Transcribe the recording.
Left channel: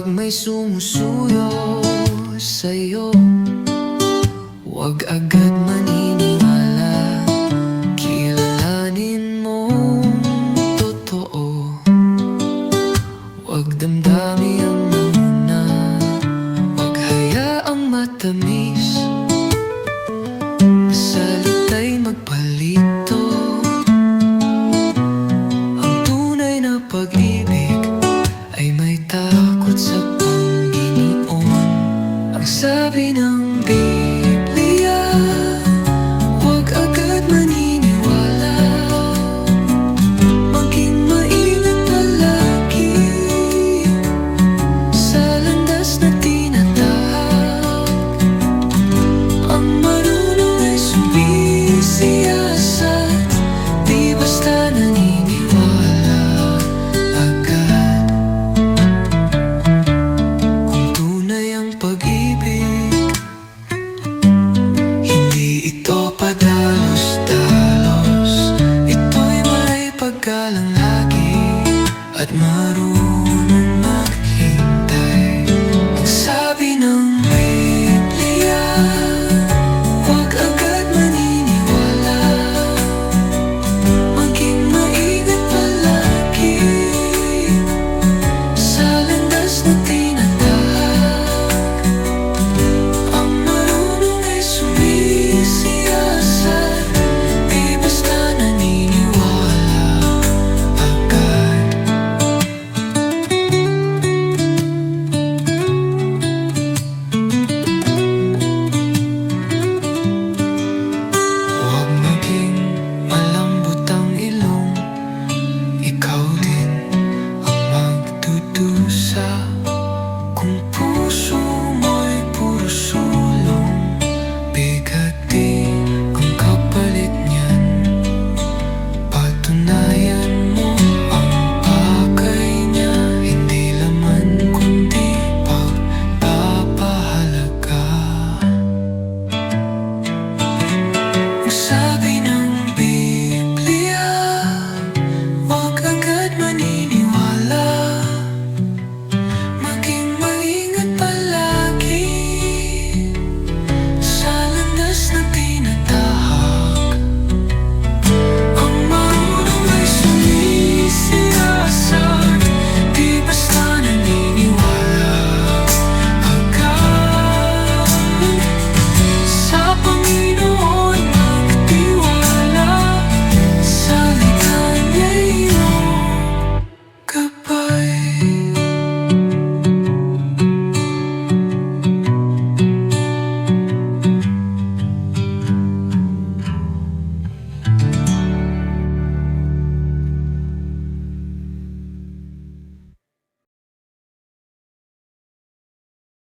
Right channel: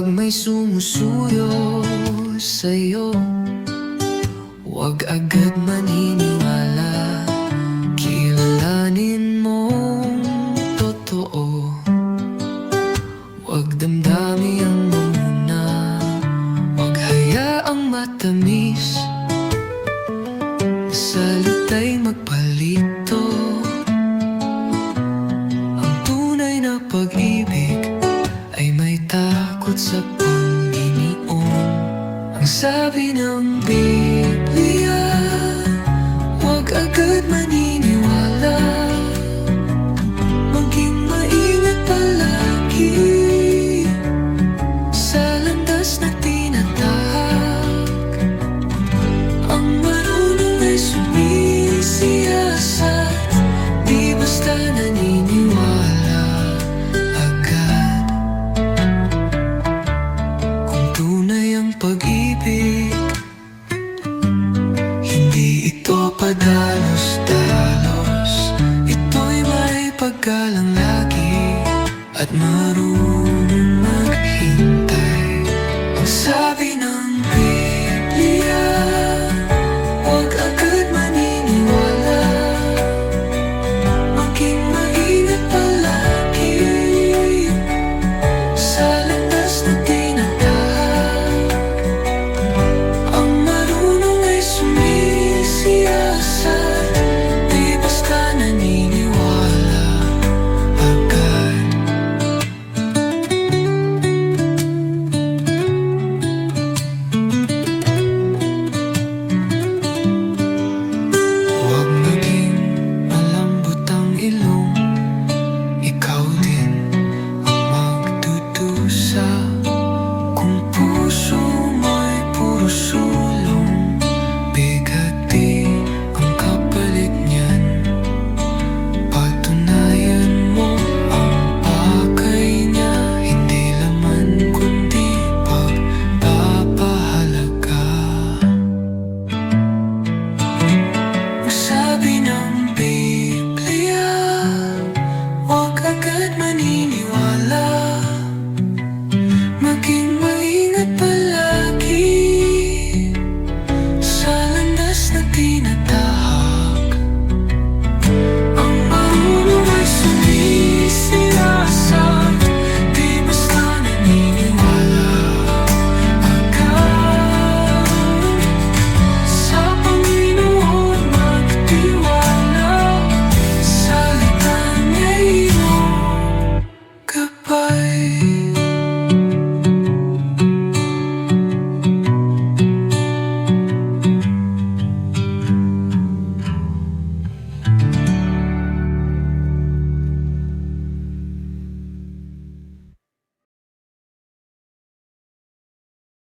Kapag may sumusuyo sa'yo, huwag agad maniniwala. Kilalanin mong totoo, huwag damdami ang manguna. Huwag hayaang matamis, salita'y magpalito. Ang tunay na pag-ibig ay may takot sa Panginoon. Ang sabi ng Biblia, huwag agad maniniwala. Maging maingat palagi sa landas na tinatahak. Ang marunong ay sumisiyasat, di basta naniniwala agad. Kung tunay ang pag-ibig, hindi ito padalos-dalos. Ito'y may paggalang lagi at marunong maghintay. Ang sabi ng Biblia, huwag agad maniniwala. Maging maingat palagi sa landas na tinatahak. Ang marunong ay sumisiyasat, di basta naniniwala agad. Huwag maging malambot ang ilong, ikaw din ang magdudusa. Kung puso mo'y puro sulong, bigati ang kapalit niyan. Patunayan mo ang pakay niya, hindi laman kundi pagpapahalaga. Ang sabi ng Biblia, huwag agad maniniwala. Maging maingat palagi sa landas na tinatahak.